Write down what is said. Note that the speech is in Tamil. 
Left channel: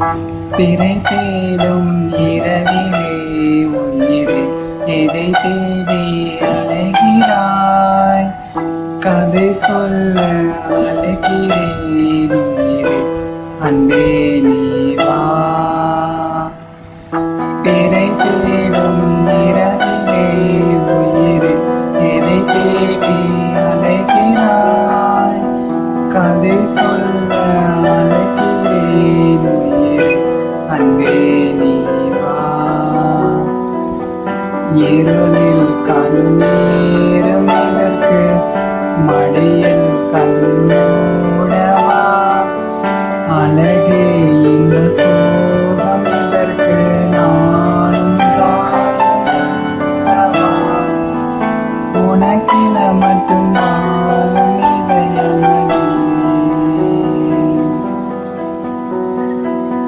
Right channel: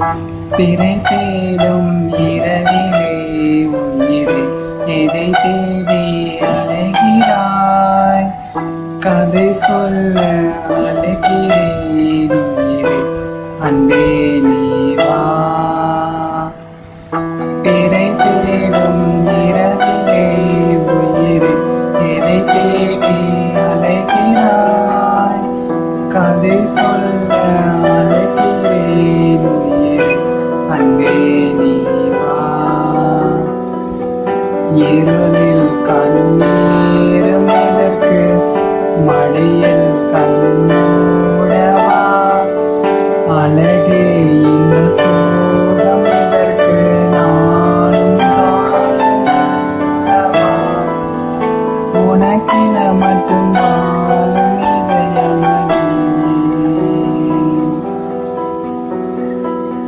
பிறை தேடும் இரவிலே உயிரே எதை தேடி அலைகிறாய்? கதை சொல்ல அழைக்கிறேன் உயிரே, அன்பே நீ வா. பிறை தேடும் இரவிலே உயிரே எதை தேடி அலைகிறாய்? கதை சொல்ல அழைக்கிறேன் உயிரே, அன்பே நீ வா. இருளில் கண்ணீரும் எதற்கு? மடியில் கண்ணூடவா. அழகே இந்த